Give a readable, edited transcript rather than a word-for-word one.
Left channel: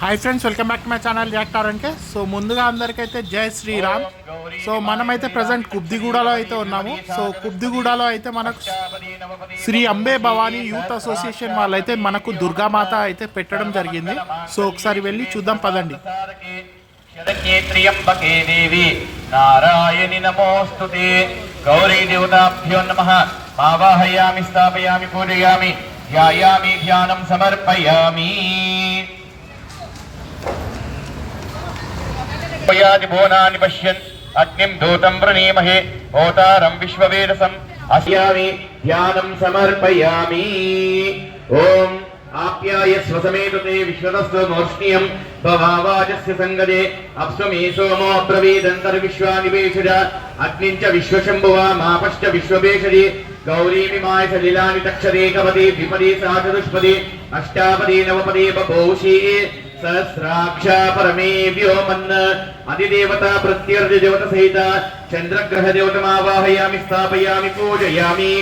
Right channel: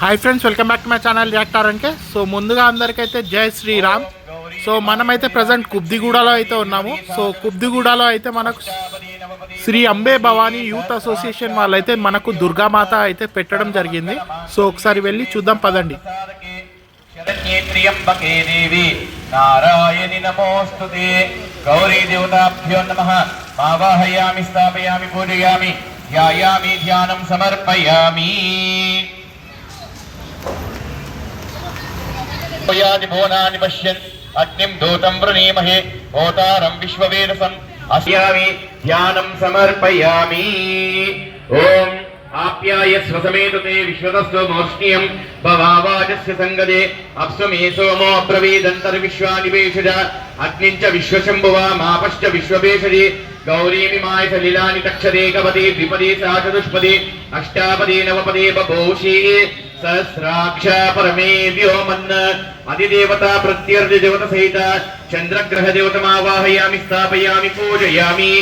Hi friends, welcome back to my channel reactor అంటే. So ముందుగా అందరికైతే జై శ్రీరామ్. సో మనమైతే ప్రజెంట్ కుబ్దిగూడలో అయితే ఉన్నాము. సో కుబ్దిగూడలో అయితే మనకు శ్రీ అంబే భవానీ యూత్ అసోసియేషన్ వాళ్ళైతే మనకు దుర్గామాత అయితే పెట్టడం జరిగింది. సో ఒకసారి వెళ్ళి చూద్దాం పదండి. త్ర్యంబకే దేవి నారాయణి నమోస్తుతే గౌరీ దేవతాభ్యో నమః ఆవాహయామి స్థాపయామి పూజయామి ధ్యాయామి ధ్యానం సమర్పయామి. భువనాని పశ్యన్ అగ్నిం దూతం ప్రణీమహే హోతారం విశ్వవేదసం అస్యామి ధ్యానం సమర్పయామి. ఓం ఆప్యాయ స్వసమేతతే విశ్వతస్వ మోష్ణ్యం భవావాచస్య సంగదే అప్స్వమే సోమో అబ్రవీదంతర్విశ్వానివేషజ అగ్నించ విశ్వశంభువా మాపశ్చ విశ్వవేషజే గౌరీమి మాయ సలిలాని తక్షరేకపదే ద్విపదే సాచతుష్పదే అష్టాపదే నవపదే బభూషీ సహస్రాక్ష పరమే వ్యోమన్ అధిదేవత ప్రత్యర్థి దేవత సహిత చంద్రగ్రహ దేవతమావాహయామి స్థాపయామి పూజయామి.